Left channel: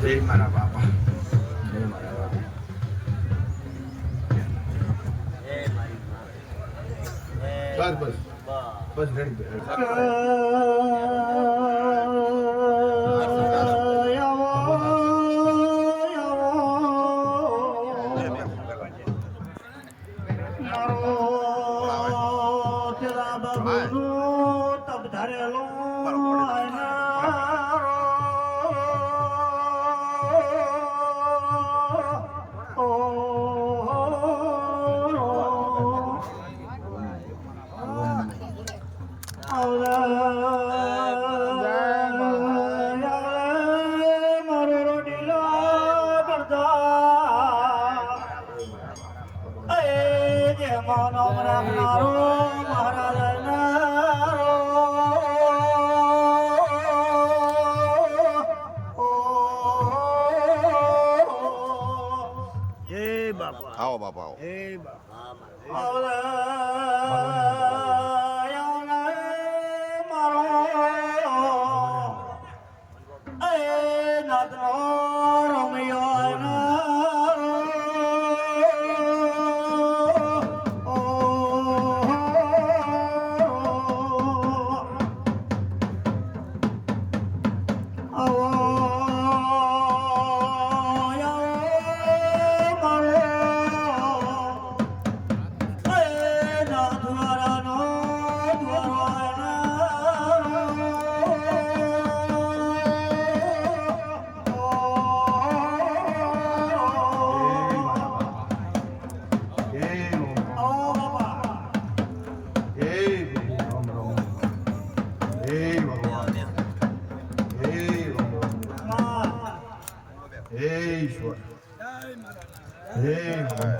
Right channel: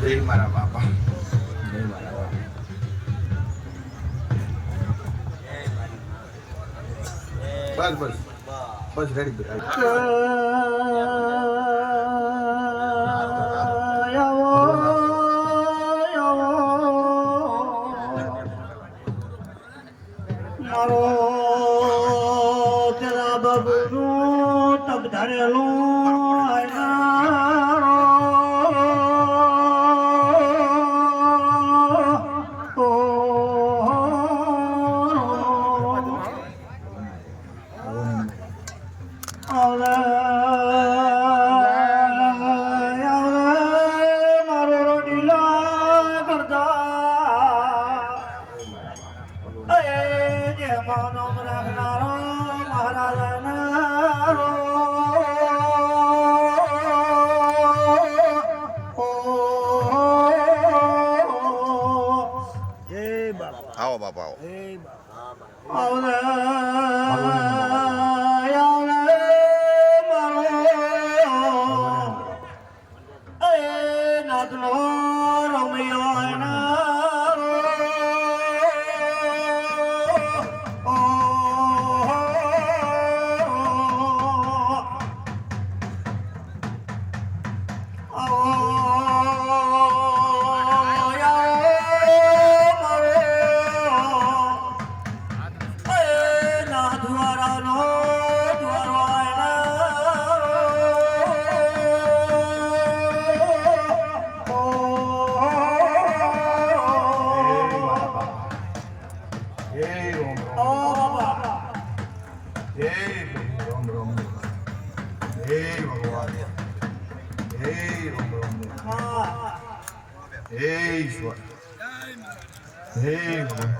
જય મારા બાપા, જય મારા બાપા. બસ બસ બસ રેડી. મારો તેરા બાબુનું તબ ધરેલું આવો બાપા આવો.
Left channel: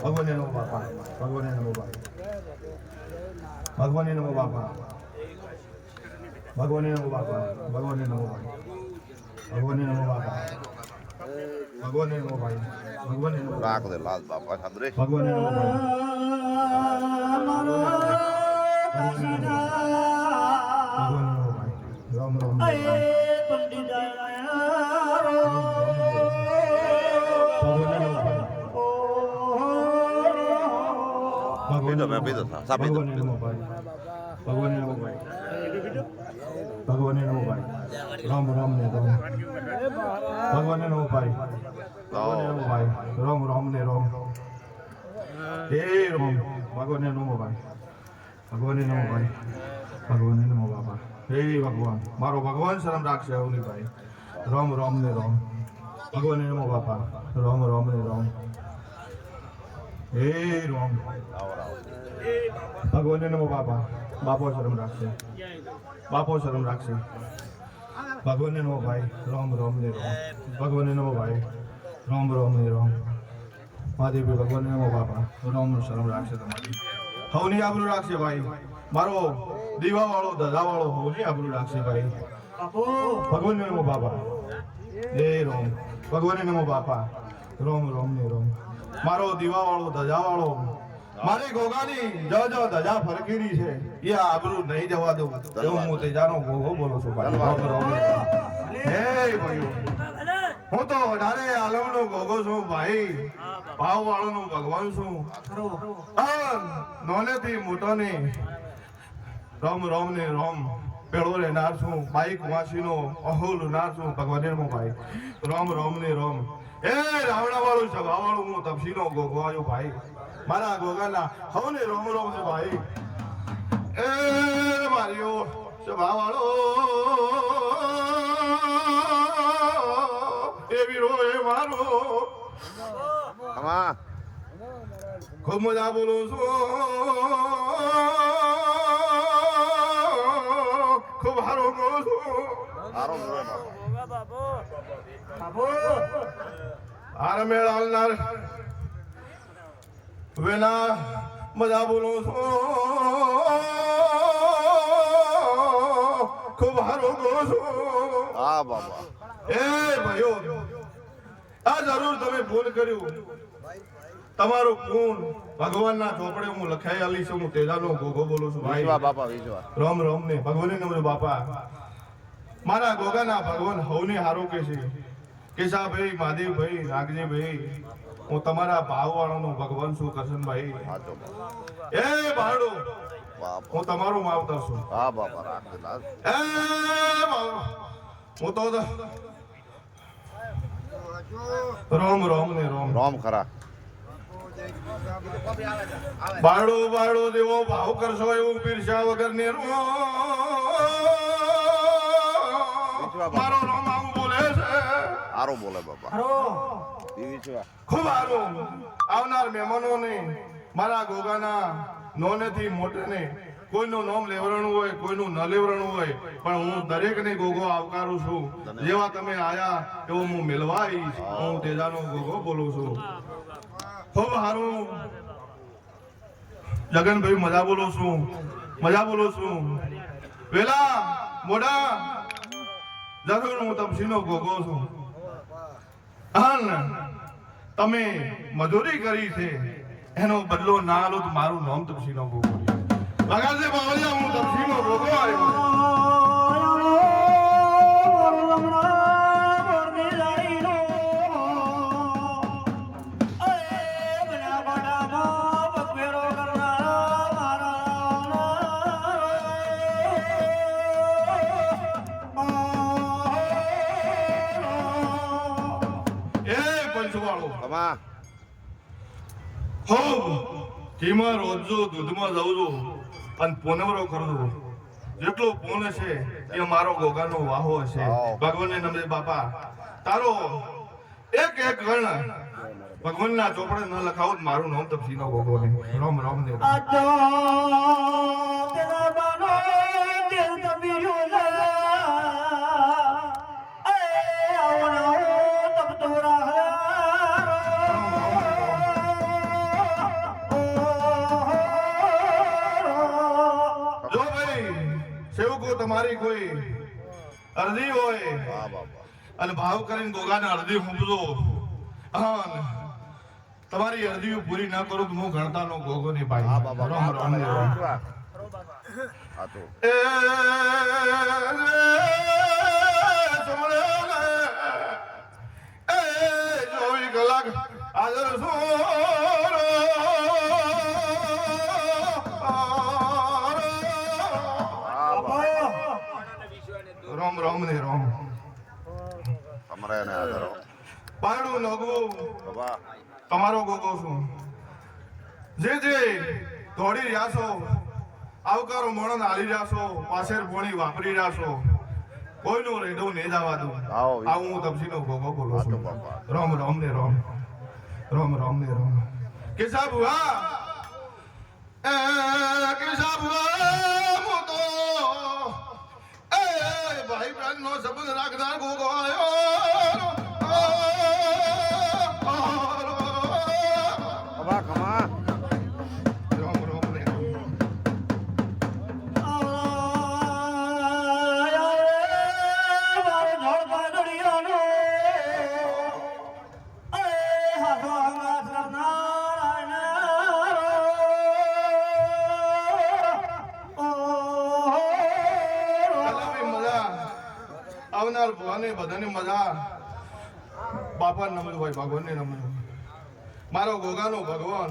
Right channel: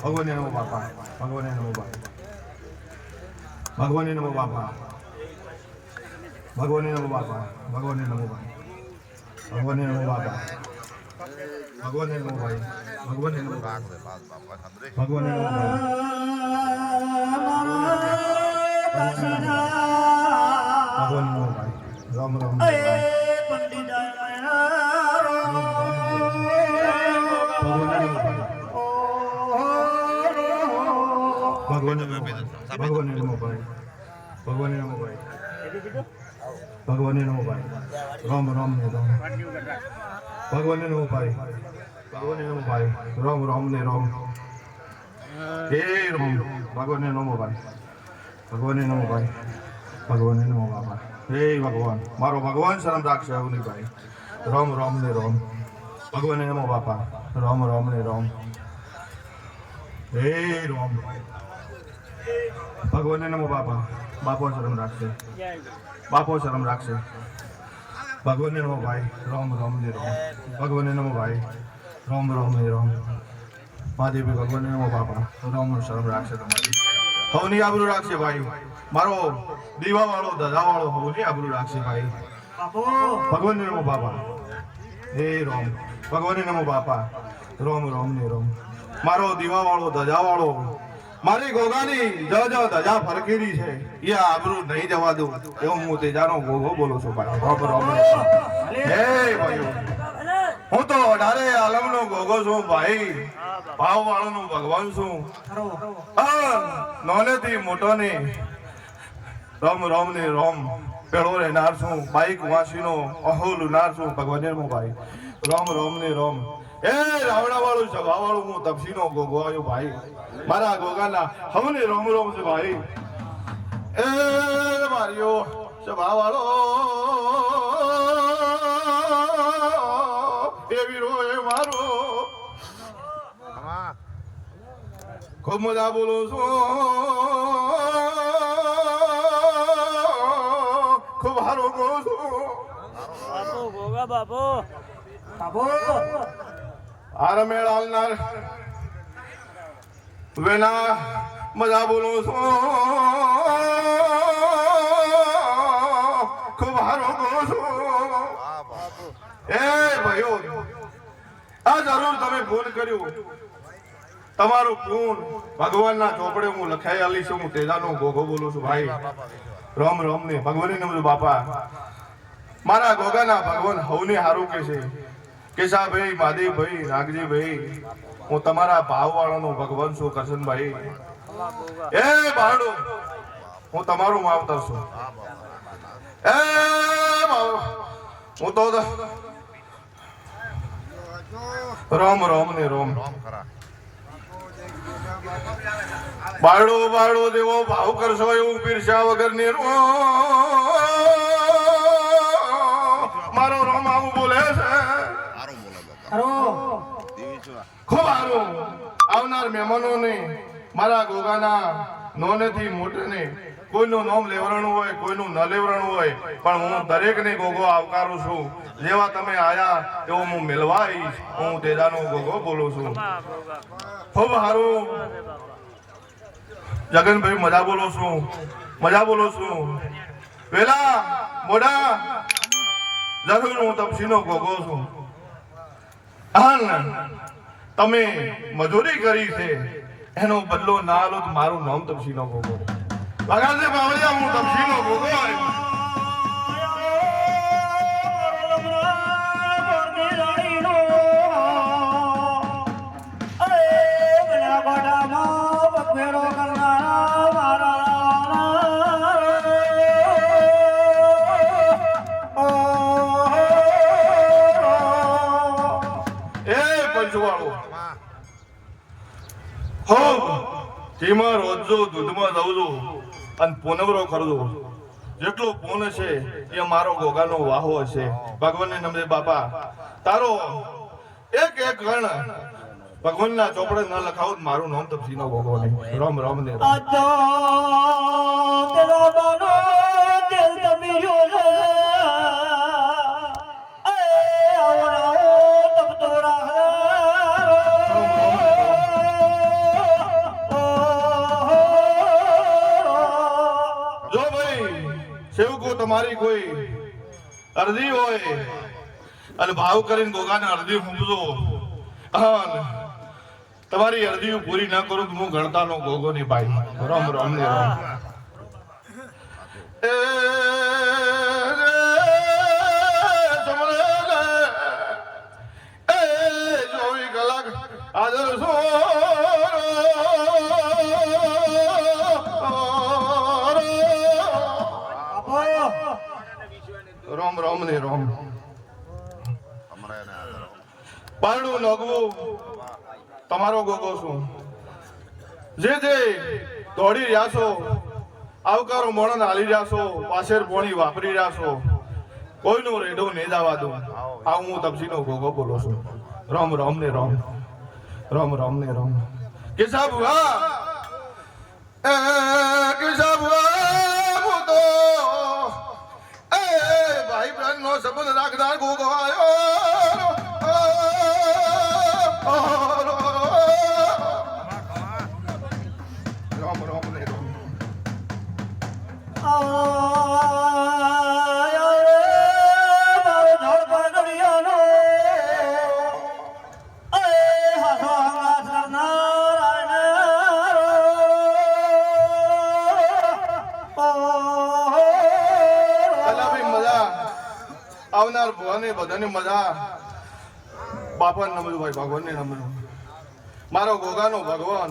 ભગવાને નમો બાપા, ભગવાને નમો બાપા, ભગવાને નમો બાપા, ભગવાને નમો બાપા, ભગવાને નમો બાપા, ભગવાને નમો બાપા, ભગવાને નમો ભાઈ, ભગવાને નમો લાલ બાપા સાંભળે, ભગવાને નમો ભાઈ, ભગવાને નમો ભાઈ, રામ રામ પંડિત ભગવાને નમો ભાઈ, ભગવાને નમો ભાઈ, ભગવાને નમો ભાઈ, ભગવાને નમો ભાઈ, ભગવાને નમો ભાઈ, રામ રામ ને રામ, ભગવાને નમો ભાઈ, ભગવાને નમો ભાઈ, રામ રામ ને રામ, હે રામ, ભગવાને નમો ભાઈ, ભગવાને નમો ભાઈ, ભગવાને નમો બાપા, હે ભગવાન, મારો ભગવાન શરમ રાખશે અવની ભાઈ, રામ રામ ને રામ, ભગવાને નમો બાપા, રામ રામ ને રામ, હે રામ, ભગવાને નમો બાપા, બાપો શરમ રાખશે, બાપો શરમ રાખશે, ભગવાને નમો ભાઈ, રામ રામ ને રામ, ભગવાને નમો ભાઈ, રામ રામ ને રામ, મહાદેવી ભગવાને નમો બાપા, રામ શરમ રાખશે તમારી, હવની આબરૂ રાખશે ભાઈ, મારો દીવા વાળો ધજા વાળો હવની આબરૂ રાખશે ભાઈ, ભગવાને નમો બાપા, હે રામ, ભગવાને નમો બાપા, રામ રામ ને રામ, મારો દીવા વાળો ધજા વાળો, મારી ગોગાની જ ધજા ફરકેલી છે એ આબરૂ નહીં જવા દઉં એવું હું તેજાનો ગોગો બોલું છું ભાઈ, રામ રામ હે ભાઈ, હું તો 18 આલમનો ગોગો છું ભાઈ, ભાવ વાળોનો ભગવાન છું, નોલેથી મોટો ને રામ રામ ને રામ પેળો રહેનાર છું, બાઈક વાંચીનો અહો લુનાર છું, ભગવાને હું ભાઈ, રામ રામ ને રામ, એ રાવણા વાળું સભા વાળું હું તપસીનો ગોગો આવ્યો ભાઈ, મારા ગોગાના હવને રોમ રોમ છે ભાઈ, એ માર્યો સભા વાળો એ વીરો એ મારો, ખૂબ મજા બોલું છું, ખૂબ હારો બોલું છું, હાર મેળાલનાર વેના મજા બોલું છું, ખૂબ હારો બોલું છું, એ ભાઈઓ આ જરૂર તમે ફોન કર્યું, તમારું ફોન ભગવાનના ચોપડે હું લખાઈ આલી છું, હું તેજાનો ગોગો બોલું છું ભાઈ, રામ રામ ને ભગવાનની નમો બાપા, મારા ગોગાના ભગવાન હવને હારું કે છે, કેશાભાઈ, માધીભાઈ, નાગજીભાઈ, હું તમારા ભાવવાળાનો ભગવાન છું કરશનભાઈ. એ ભાડું હું તમારું માવતર છું. એ હું તો રામ રામ ને રામ રામ ખરા બાળો બાળો દેવો ભાવ કરશો એવું પીરસા વગર ની મારો રામ આવું બોલે છે. સારું બોલે બાપા હરો દેવી છું ખૂબ સારું. આવનાર મહેમાનોને મારા ગોગાના નોનેથી મોટેને કોઈનું નામ લેવરાણું હોય, કોઈનું ન લેવરાણું હોય, પણ હું દરેકને ગોગો આવકારું છું. જેવા તમે આયા એવું હું મિલવા આવીશ. હું તેજાનો ગોગો બોલું છું. ખૂબ સારું. જગનભાઈ મજા બોલો છું, મજા બોલો છું. વેલા મોડા જરૂર હું તપસીનો ગોગો છું. તમે મજૂરી કરી છે એનો બદલો ના લો તો મારું નામ તપસીનો ગોગો. ભગાસે બાવળિયા હું તપસીનો ગોગો આવ્યો. તમા હો તેમાં રોજો દૂધમાં જાઉં છું અને પૂનવરો કરજો. જેટલો પૂન છે એ મારો ગોગાનો વાહો હશે. ભગવાનને નમે બાપા તારો એક એક ગણ ભગવાનના ચોપડે ન લખાવું તો મારું નામ તપસીનો ગોગો ને. રામ રામ ને રામ. જો ભાઈ સેવકો તમારી કોઈ અરજી હોય અને ભાવ કરીને ગોગાને અરજી મૂકજો. તમારી અરજી પૂરી ના કરું તો હું ગણતાનો ગોગો ની ભાઈ. રામ રામ ને રામ. એ જોઈ કલાક હાજર છો. રામ રામ ને રામ. તમારે એને આદરો પારણું નગવું તમારો ગોગો છું. જે દોડી રહ્યા છો, આવકારો મોણન હાલી રહ્યા છો, પાછેર પોણી વાપરી રહ્યા છો, કોઈનું રેડો ને જવા દઉં. આવું હું તપસીનો ગોગો બોલું છું. રામ રામ ને રામ. રામ રામ ને રામ. કેશા ભુવા કેશા ભુવા હું તો ભાઈ બહેન નો સંબંધ રાખનાર ગોગો આવ્યો. રામ રામ ને રામ. આવનાર ભગવાને બધાને મજા. બાપા નમજો ભાઈ, ભગવાનને નમજો. મારો ગોગાનો ભગવાન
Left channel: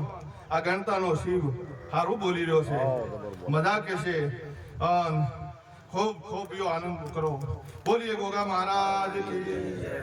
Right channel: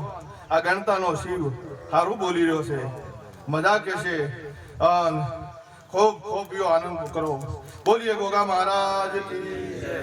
આ ગણતાનો શિવ સારું બોલી રહ્યો છે. મજા કે છે. ખૂબ ખૂબ આનંદ કરો. બોલીએ ગોગા મહારાજ કી જય.